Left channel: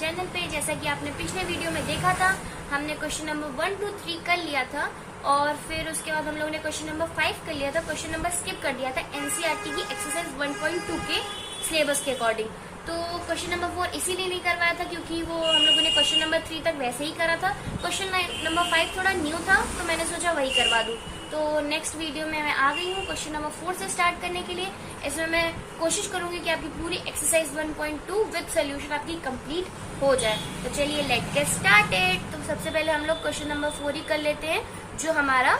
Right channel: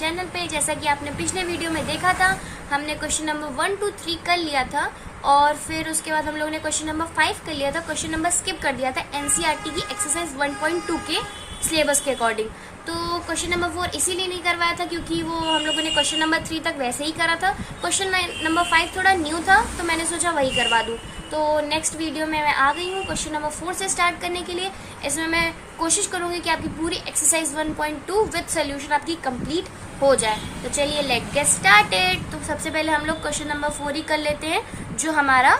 Channel पे। जैसा कि आपने पिछले वीडियो में देखा था, हमने क्वेश्चन नंबर 1, 2, 3 कर लिया था और फिर उसके बाद हम लोगों ने क्वेश्चन नंबर 5 कर लिया था। क्वेश्चन नंबर स्किप कर दिया था एनसीईआरटी की एक्सरसाइज 1.2 के सिलेबस के अकॉर्डिंग। तो क्वेश्चन नंबर 4 इसीलिए नहीं करवाया था क्योंकि वो हम लोगों ने क्वेश्चन नंबर 3 तक वैसे ही करा था। क्वेश्चन नंबर 5 थोड़ा न्यू था तो मैंने सोचा वही करवा दूं। तो नेक्स्ट वीडियो में मैं आ गई हूँ क्वेश्चन नंबर 4 से स्टार्ट करने के लिए। इसमें मैं कोशिश करूंगी कि आपकी पूरी एक्सरसाइज 1.2 विद सोल्यूशन आपकी कंप्लीट हो जाए। तो चलिए लेट गेट स्टार्टेड। तो सबसे पहले हम लोग क्वेश्चन नंबर 4 ही कर लेते हैं जो हमारा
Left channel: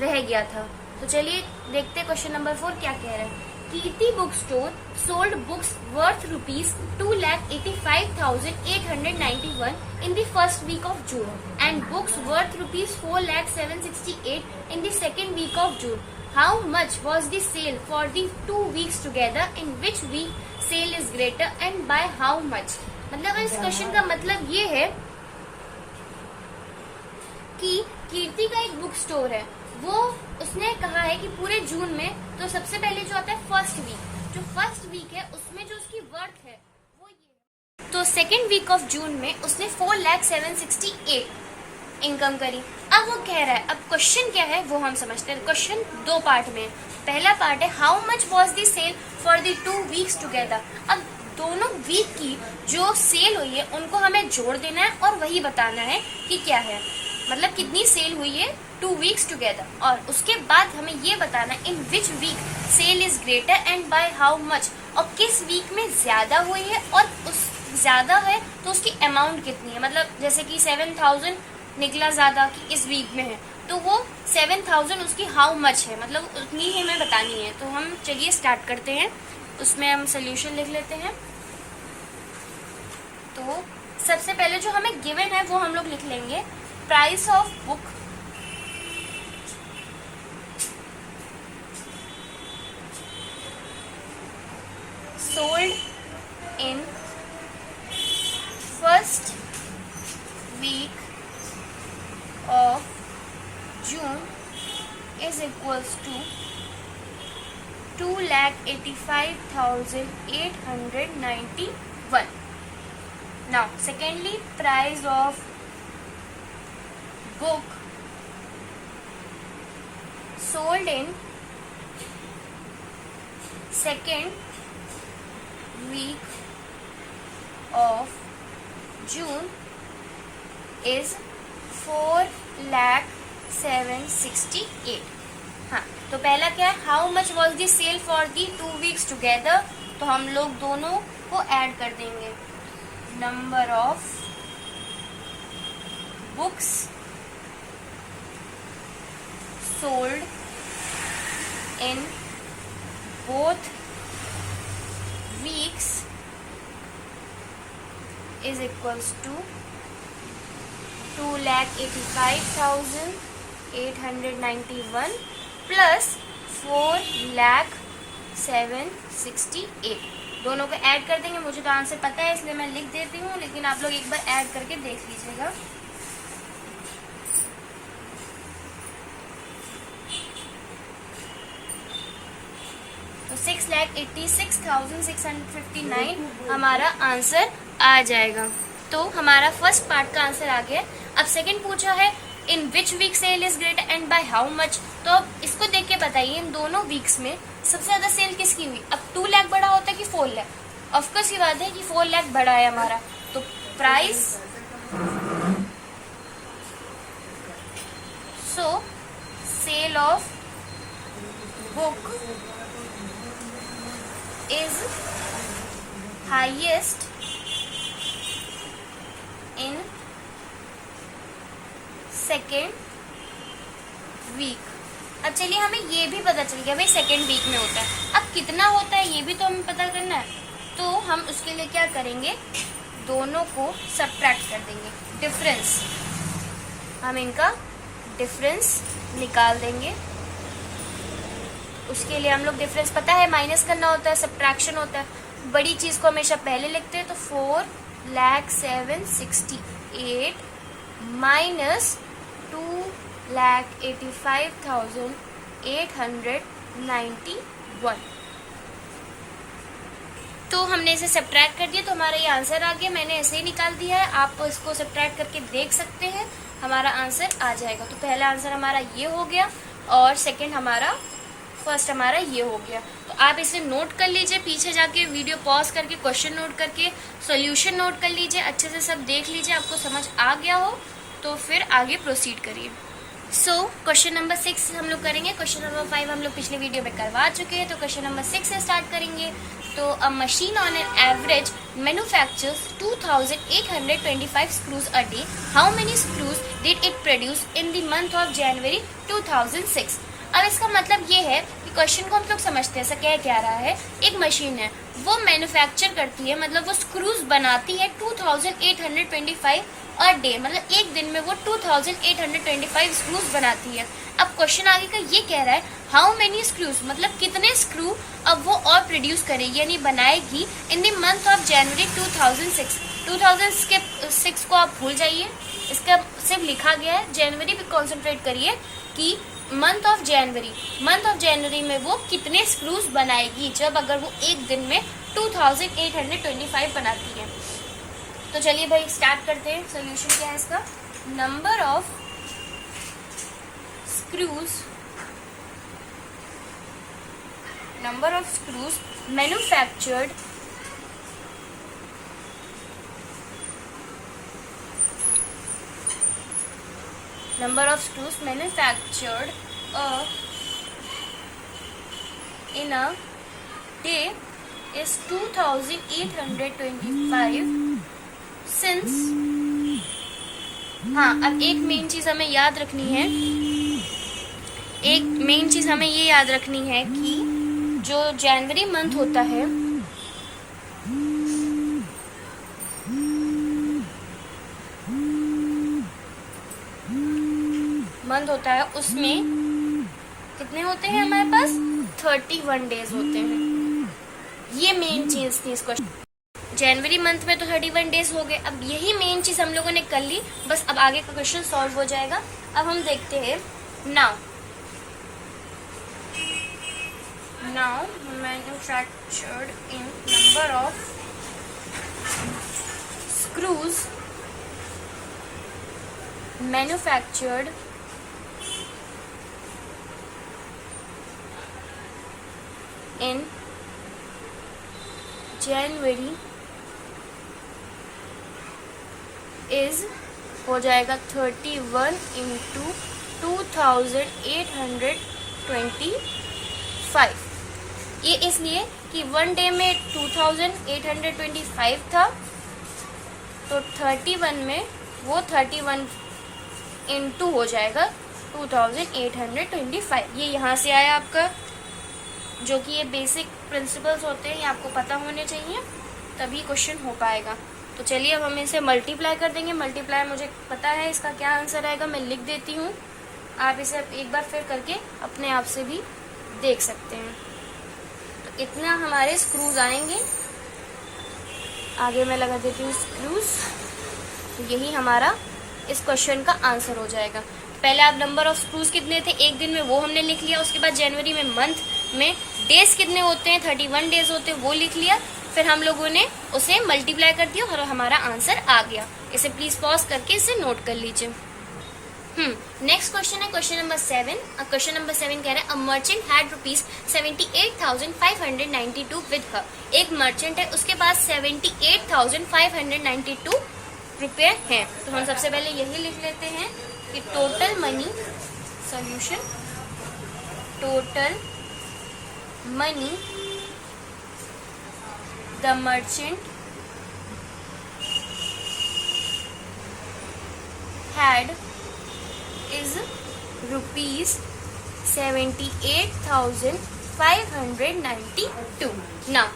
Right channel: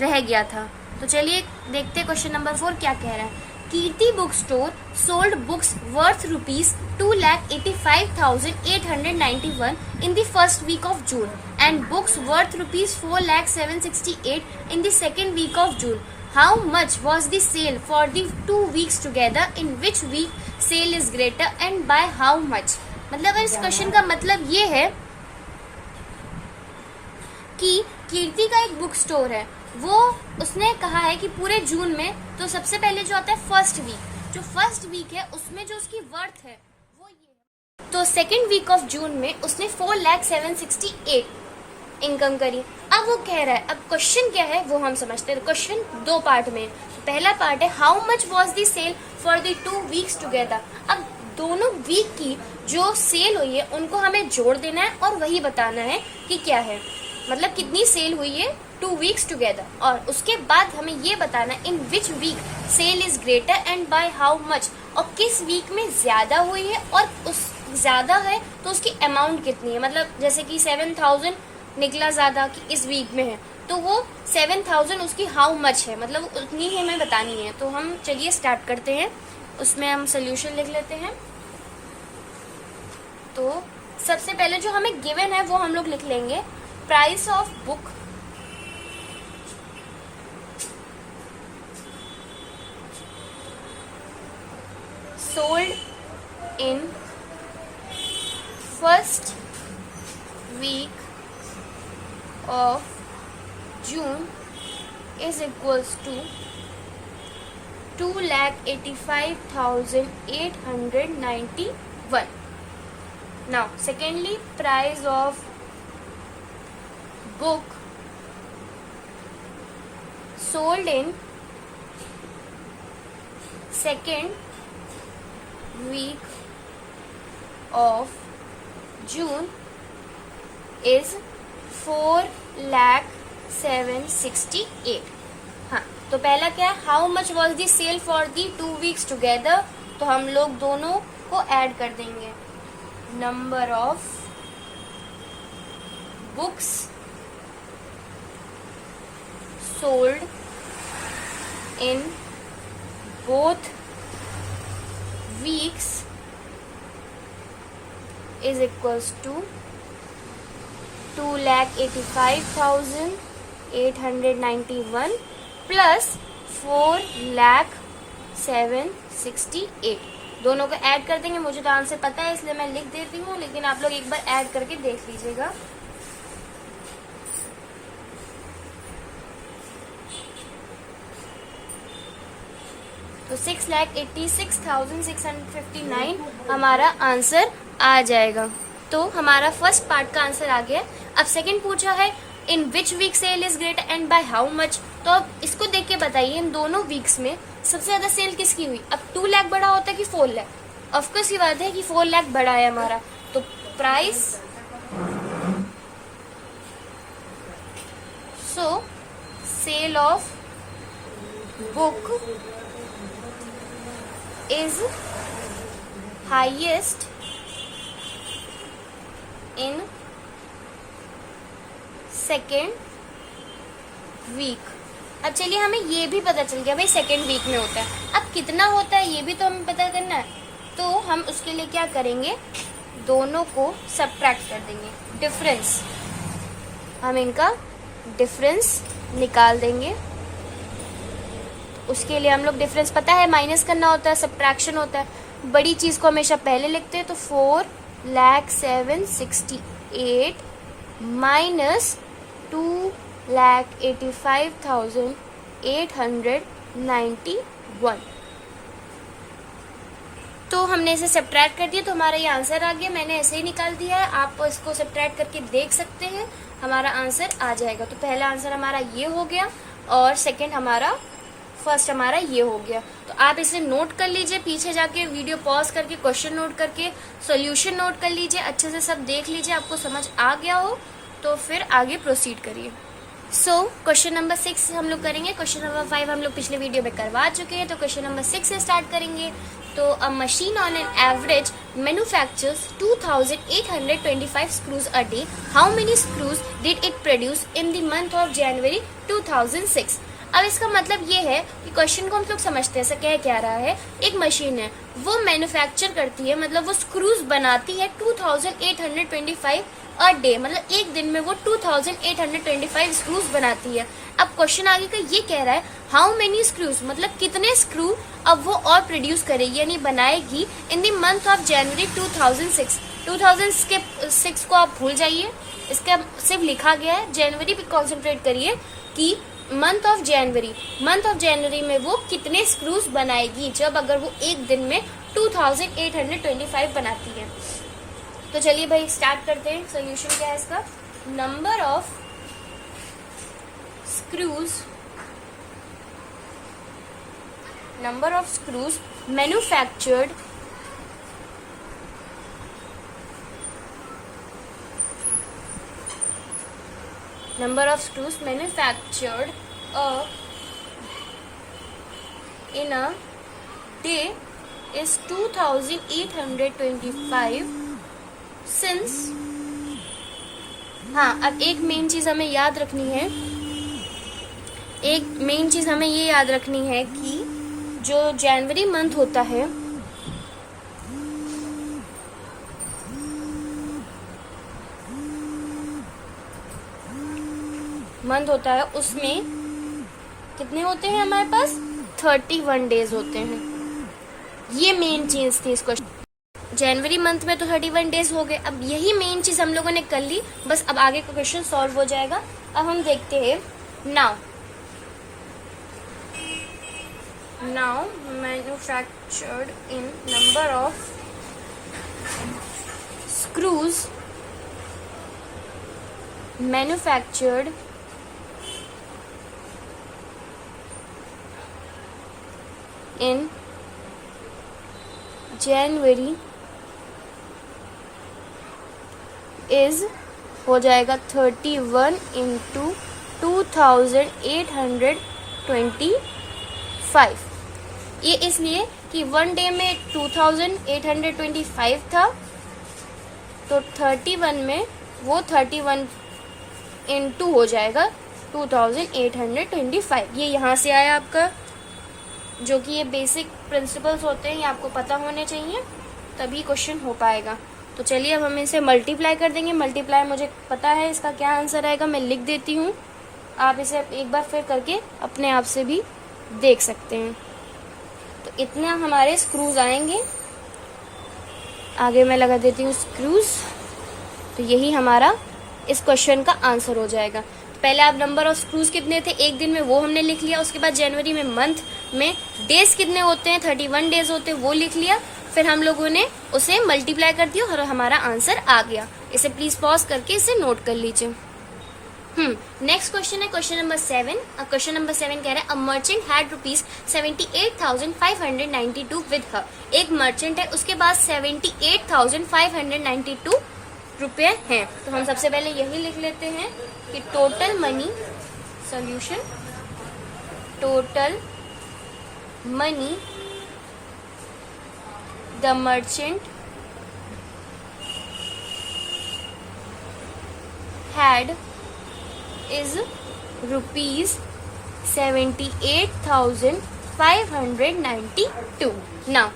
रह गया था। तो चलिए देखते हैं क्वेश्चन नंबर 4 क्या कह रहा है। Kirti book store sold books worth ₹2,85,891 in the first week of June and books worth ₹4,768 in the second week of June. How much was the sale for the 2 weeks together? In which week sale is greater and by how much? मतलब इस question का मतलब ये है कि कीर्ति का एक book store है, वो उसने कहा है कि पूरे जून में, तो सबसे पहले जो आता है फर्स्ट वीक, जो फर्स्ट वीक है उसमें जो उसकी वर्थ है वो ये है। तो सेकेंड वीक ऑफ जून में उसने 4,768 इनकम करी। अब वो कह रहा है, अब क्वेश्चन क्या है वो हम समझते हैं। क्वेश्चन 2 पार्ट में। पहला पार्ट है how much was the sale for the 2 weeks together. अब दोनों वीक की जो सेल हुई है उनको हमें जोड़ देना है और वही बताना है कि क्या है, मतलब कितनी सेल हुई है 2 वीक्स टुगेदर। और उसके बाद हमें ये बताना है in which week sale is greater and by how much, और किस वीक में ज्यादा हुई है और उस ज्यादा है तो उसकी अमाउंट कितनी है। मतलब जैसे कि 7,000 निकला ज्यादा कि इस वीक में है तो वो 7,000 उसकी हाउ मच है, मतलब उतनी ही हमें बतानी है। तो हम चलिए स्टार्ट करते हैं। उसमें हम सोल्यूशन लिख लेते हैं। तो सबसे पहले जो हमें गिवन है वो हम लोग लिख लेंगे। Price of book sold in first week of June is equals to 2,85,891. Now secondly, price of book sold in second week of June is 4,768. हाँ, तो पहला क्या है, how much was the sale for the 2 weeks together. तो हम लोग दोनों को ऐड कर देंगे। Number of books sold in both weeks is equals to 2,85,891 plus 4,768। दोनों को ऐड कर देंगे। मुझे तो आंसर पता है इसलिए मैं लिख देती हूँ, लेकिन आप लोग एक बार ऐड करके देख लीजिएगा। तो 6,86,659 हमारा आंसर आ जाएगा। तो हमारा फर्स्ट पार्ट का आंसर आ गया। अब सेकंड पूछा है in which week sale is greater and by how much. तो अब इसको देख के बताइए इन दोनों वीक्स में सबसे ज्यादा सेल किसकी हुई। अब 2 लाख बड़ा होता है कि 4 लाख? ऑफकोर्स की बात है कि 4 लाख बड़ा है हमारा। तो price so sale of book is highest in second week। अब चलिए हमें ये भी पता चल गया भाई सेकेंड वीक में होता है। अब कितना होता है ये भी तो हमें पता करना है। तो हम उसके लिए क्या करेंगे, दोनों को सबट्रैक्ट कर देंगे। डिफरेंस, हम इनका डिफरेंस निकाल देंगे। उसके लिए हम लोग डिफरेंस पता है माइनस करना होता है, सब्ट्रैक्शन होता है। बड़ी चीज को हमेशा पहले लिखते हैं। तो 4,768 माइनस 2,85,891। तो हमने इसे सब्ट्रैक्ट कर दिया तो हमारा ये आंसर आ गया। मैंने ऐसे ही निकाल दिया है, आप इसको सब्ट्रैक्ट करके देख सकते हैं, हमारा आंसर आ जाएगा। तो पहला आंसर हमारा ये हो गया और सेकंड हमारा फर्स्ट हमारा ये हो गया। तो आप इसे नोट कर लीजिए, पीछे जाके वीडियो पॉज करके क्वेश्चन नोट करके सॉल्यूशन नोट कर लीजिए, अच्छे से सब देख लीजिए, आपको समझ आ गया हो तो फिर आगे प्रोसीड करिए। सो क्वेश्चन नंबर 6 हम लोग करेंगे। क्वेश्चन नंबर 5 हम लोग पिछले वीडियो में करवा चुके हैं, तो क्वेश्चन नंबर 6 से स्टार्ट करेंगे। तो a machine on an average manufactures 2825 screws a day. How many screws did it produce in the month of January 2006? अब इसका मतलब ये है कि क्वेश्चन को हम लोग समझते हैं, ऐसा क्या रहा है, एक मशीन है वो मैन्युफैक्चर करती है, मतलब वो स्क्रूज बनाती है 2825 अ डे, मतलब एक दिन में वो 2825 स्क्रूज बनाती है। अब क्वेश्चन आगे का ये कह रहा है हाउ मेनी स्क्रूज, मतलब कितने स्क्रू अब वो और प्रोड्यूस करेगी यानी बनाएगी in the month of January 2006। 2006 को आप भूल जाइए, इसका सिर्फ लिखा गया है, जनवरी पे कॉन्सेंट्रेट करिए कि मंथ ऑफ जनवरी में वो कितने स्क्रूज बनाएगी जब अगर वो एक दिन में 2825 बनाती है। तो चलिए भाई स्टार्ट करते हैं। सोल्यूशन क्या है इसका, number of screws manufactured in a day is 2825 since, हाँ अब एक मेन चीज हमें याद रखनी है, कि जो जनवरी मंथ होता है उसमें कितने होते हैं हमारे पास, 31 डेज होते हैं। ये मेन चीज थी इस क्वेश्चन। जनवरी मंथ में तो 31 डेज हो गए। अब यही मेन चीज हम लोगों ने कर ली, बस अब आगे का क्वेश्चन सॉल्व हो जाएगा। अब हम देखते हैं now manufactured in number of screws manufactured in January is हो जाएगा 31 into 2825। ये इसलिए कि वन डे में 2825 था, तो 31 में वो 31 into हो जाएगा 2825। ये यहाँ से आया आपका, जो कि ये बेसिक प्रिंसिपल्स होते हैं, ये आपको पता होने चाहिए, तभी क्वेश्चन हो पाएगा। तो चलिए अब हम इसे मल्टीप्लाई कर देंगे। मल्टीप्लाई मुझे पता है इसका क्या आंसर आएगा, मैं लिख देती हूँ, आप इसे एक बार फिर करके अपने आप से भी देख सकते हैं। तो इतना हमारे स्क्रूज आएंगे, आगे मैं लगा देती हूँ स्क्रूज, तो यही हमारा इस क्वेश्चन का आंसर हो जाएगा। पहले आप नंबर ऑफ स्क्रूज कितने थे एक दिन में वो हमने लिख लिया, उसके बाद जनवरी में मंथ में डेज कितने होते हैं, 31 डेज होते हैं, वो लिख लिया, फिर हम लोगों ने उसे मल्टीप्लाई कर दिया और हमारा आंसर आ गया। इसे प्लीज पॉज करके इसे नोट कर लीजिए। नेक्स्ट क्वेश्चन है क्वेश्चन नंबर 7। क्वेश्चन नंबर 7 कह रहा है a merchant had ₹78,592 with her. एक मर्चेंट है, उसके पास 78,592 रुपए हैं। तो हम सबसे पहले यही लिख लेते हैं कि total money, solution, total money the merchant had is ₹78,592. Now,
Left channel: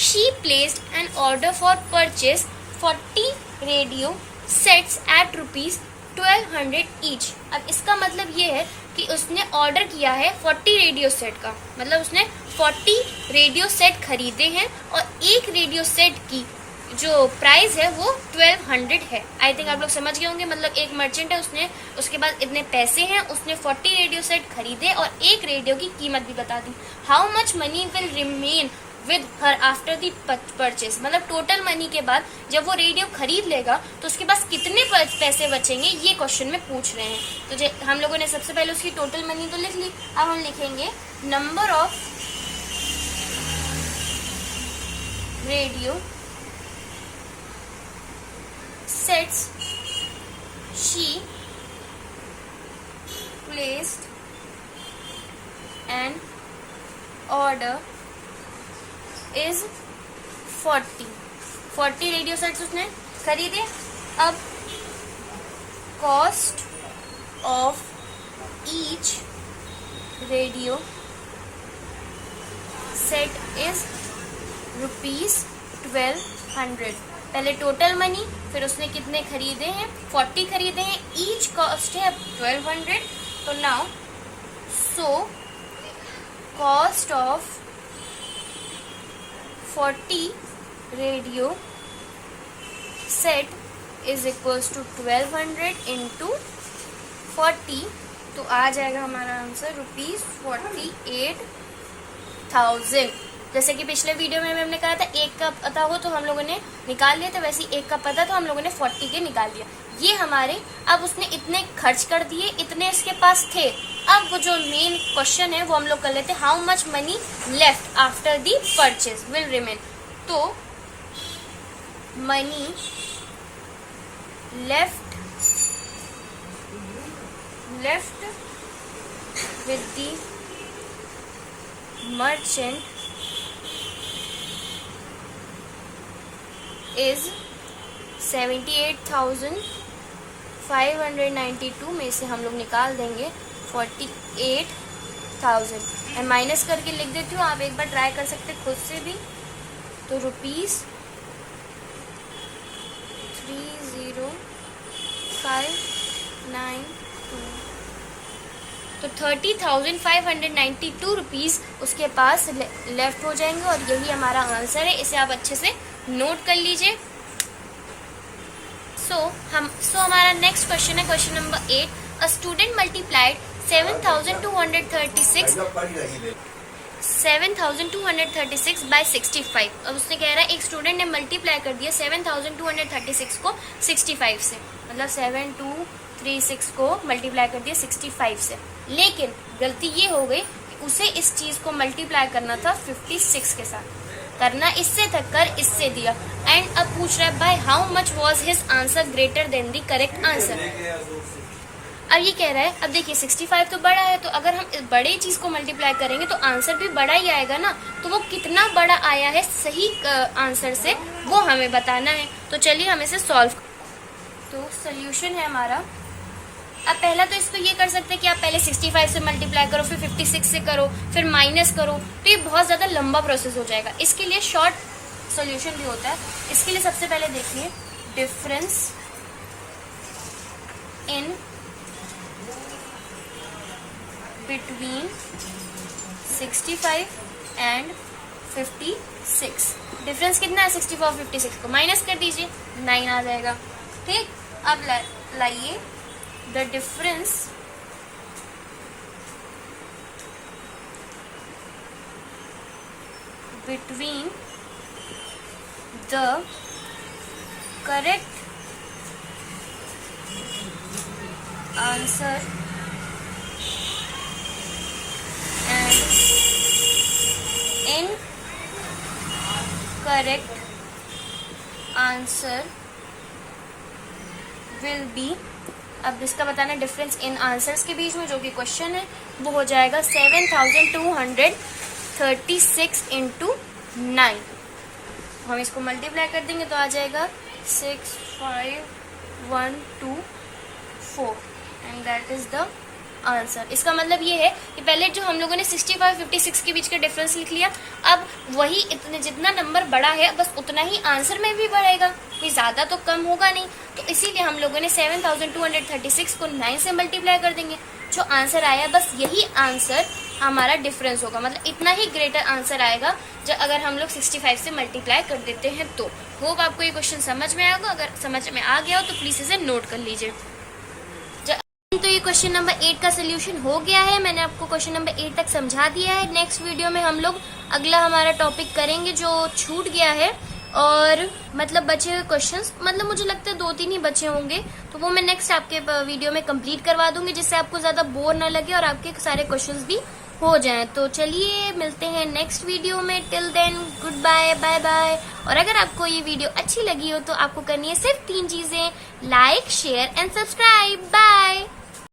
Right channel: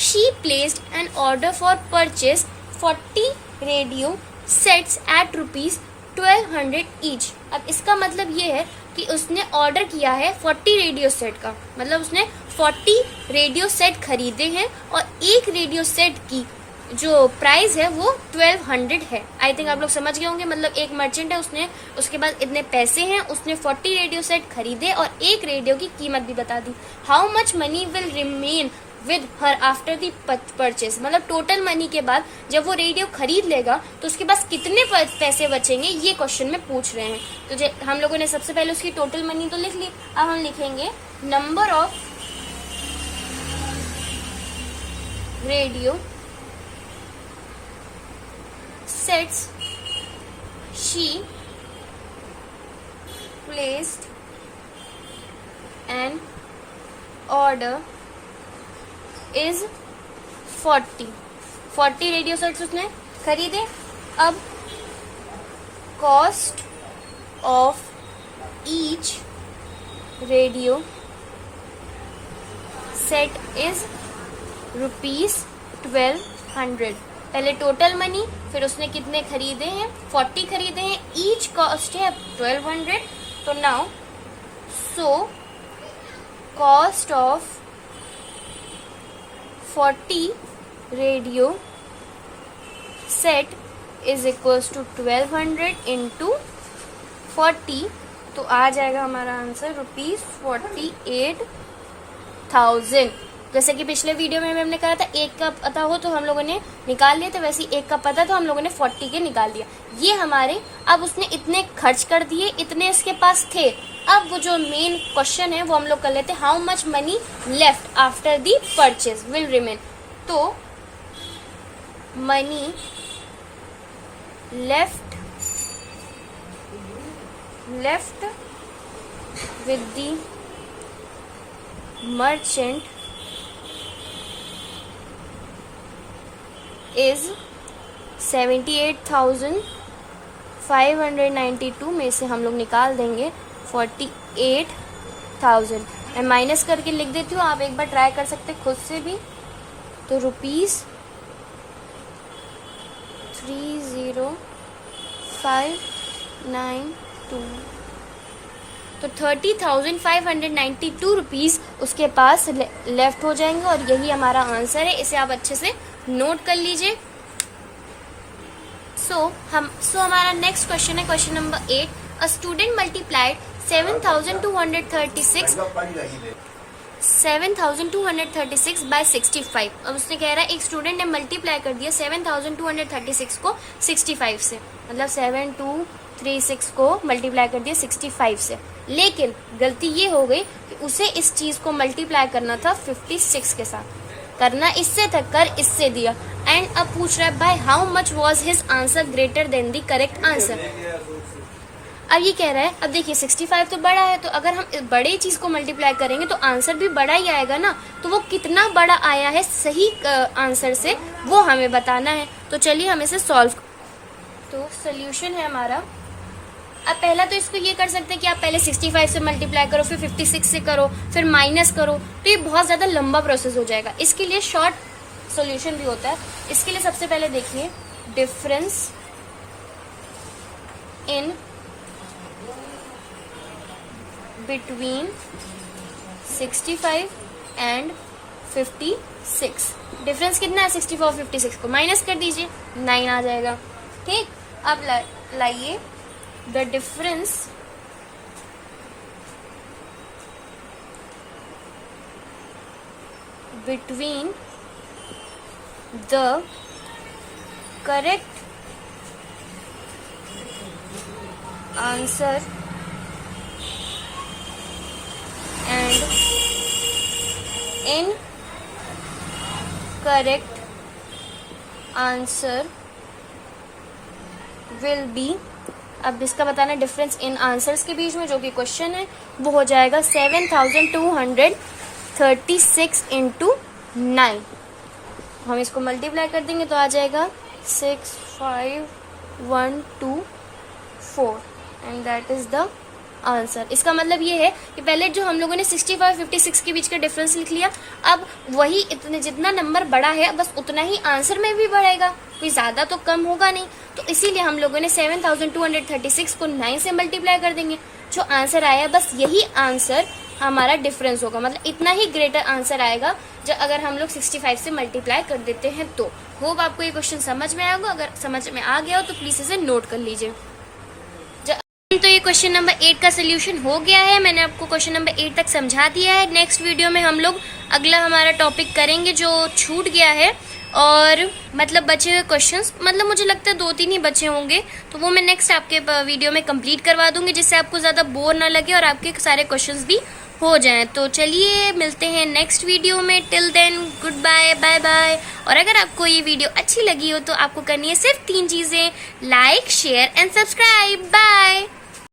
she placed an order for purchase 40 radio sets at ₹1,200 each. अब इसका मतलब ये है कि उसने ऑर्डर किया है 40 रेडियो सेट का, मतलब उसने 40 रेडियो सेट खरीदे हैं और एक रेडियो सेट की जो प्राइस है वो 1200 है। आई थिंक आप लोग समझ गए होंगे, मतलब एक मर्चेंट है, उसने उसके पास इतने पैसे हैं, उसने 40 रेडियो सेट खरीदे और एक रेडियो की कीमत भी बता दी। How much money will remain with her after the purchase, मतलब टोटल मनी के बाद जब वो रेडियो खरीद लेगा तो उसके पास कितने पैसे बचेंगे, ये क्वेश्चन में पूछ रहे हैं। तो हम लोगों ने सबसे पहले उसकी टोटल मनी तो लिख ली, अब हम लिखेंगे number of radio sets she placed an order is 40 radio sets उसने खरीदे। अब cost of each radio set is ₹1200। पहले टोटल मनी, फिर उसने कितने खरीदे हैं, 40 खरीदे हैं, ईच कॉस्ट है 1200। तो now so cost of 40 radio set is equals to 1200 into 40, तो आ जाएगा हमारा आंसर ₹48,000। जैसे कि पिछले वीडियो में हमने कहा था एक का पता हो तो हम लोगों ने निकाल लिया, तो वैसे एक का पता तो हम लोगों ने 40 के निकाल लिया। ये हमारे, अब उसने इतने खर्च कर दिए, इतने इसके पास थे। अब वो जो मेन क्वेश्चन है वो हम लोग कर लेते हैं, how much money left after the purchase will remain. तो money left with the merchant is 78,592 में से हम लोग निकाल देंगे 48,000। मैं माइनस करके लिख देती हूँ, आप एक बार ट्राई कर सकते खुद से भी। तो ₹30,592, तो 30,592 रुपीज उसके पास लेफ्ट हो जाएंगे और यही हमारा आंसर है। इसे आप अच्छे से नोट कर लीजिए। सो हमारा नेक्स्ट क्वेश्चन है question number 8। A student multiplied 7,236 by 65। अब उसने कह रहा है एक स्टूडेंट ने मल्टीप्लाई कर दिया 7,236 को 65 से, मतलब 7236 को मल्टीप्लाई कर दिया 65 से। लेकिन गलती ये हो गई कि उसे इस चीज को मल्टीप्लाई करना था 56 के साथ, करना इससे था, कर इससे दिया। एंड अब पूछ रहा है bye how much was his answer greater than the correct answer. अब ये कह रहा है, अब देखिए 65 तो बड़ा है, तो अगर हम इस बड़े चीज को मल्टीप्लाई करेंगे तो आंसर भी बड़ा ही आएगा ना। तो वो कितना बड़ा आया है सही आंसर से, वो हमें बताना है। तो चलिए हम इसे सॉल्व। तो सोल्यूशन है हमारा, अब पहला तो इसको ये कर सकते हैं कि आप पहले 65 से मल्टीप्लाई करो, फिर 56 से करो, फिर माइनस करो, तो ये बहुत ज्यादा लंबा प्रोसेस हो जाएगा। इसके लिए शॉर्ट सॉल्यूशन भी होता है। इसके लिए सबसे पहले देखिए difference in between 65 and 56। Difference कितना है 64 और 56 को माइनस कर दीजिए, 9 आ जाएगा। ठीक, अब लाइए the difference between the correct answer and incorrect answer will be, अब इसका बताना डिफरेंस इन आंसर्स के बीच में जो कि क्वेश्चन है वो हो जाएगा 7,236 इंटू 9। हम इसको मल्टीप्लाई कर देंगे तो आ जाएगा 65124 and that is the answer. इसका मतलब ये है कि पहले जो हम लोगों ने 65-56 के बीच का डिफरेंस लिख लिया, अब वही इतने जितना नंबर बड़ा है बस उतना ही आंसर में भी बढ़ेगा, कोई ज्यादा तो कम होगा नहीं। तो इसीलिए हम लोगों ने 7,236 को 9 से मल्टीप्लाई कर देंगे, जो आंसर आया बस यही आंसर हमारा डिफरेंस होगा, मतलब इतना ही ग्रेटर आंसर आएगा जो अगर हम लोग 65 से मल्टीप्लाई कर देते हैं। तो होप आपको ये क्वेश्चन समझ में आएगा, अगर समझ में आ गया हो तो प्लीज इसे नोट कर लीजिए। तो ये क्वेश्चन नंबर 8 का सोल्यूशन हो गया है। मैंने आपको क्वेश्चन नंबर 8 तक समझा दिया है। नेक्स्ट वीडियो में हम लोग अगला हमारा टॉपिक करेंगे जो छूट गया है, और मतलब बचे हुए क्वेश्चंस, मतलब मुझे लगता है 2-3 ही बचे होंगे, तो वो मैं नेक्स्ट आपके वीडियो में कंप्लीट करवा दूंगी, जिससे आपको ज्यादा बोर ना लगे और आपके सारे क्वेश्चंस भी हो जाएं। तो चलिए मिलते हैं नेक्स्ट वीडियो में। Till then good bye, bye bye. और अगर आपको ये वीडियो अच्छी लगी हो तो आपको करनी है सिर्फ 3 चीजें: like, share and subscribe. Bye.